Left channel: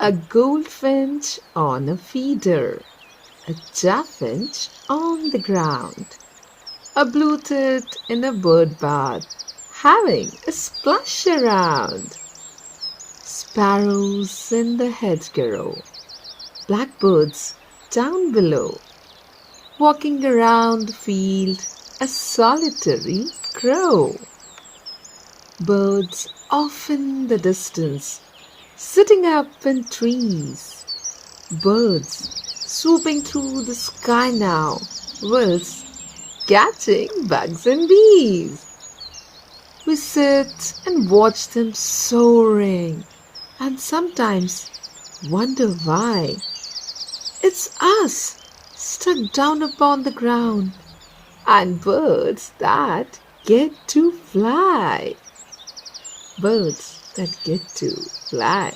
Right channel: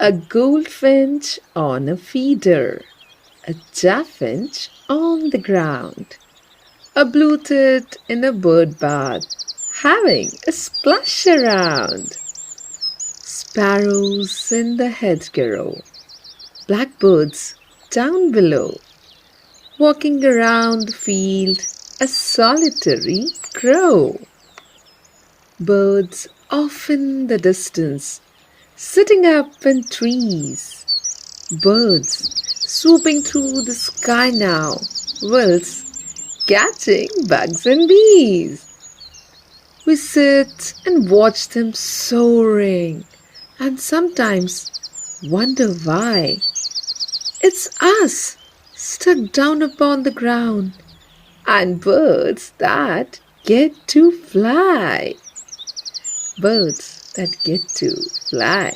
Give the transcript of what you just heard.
A goldfinch on a feeder, a chaffinch on the ground, a blue tit in a bird bath, having a splash around. Sparrows in the hedgerow, blackbirds down below, walking around the field, a solitary crow. Birds off in the distance, sitting up in trees. Birds swooping through the sky now, whilst catching bugs and bees. We sit and watch them soaring and sometimes wonder why. It's us stuck down upon the ground and birds that get to fly. Birds that get to fly.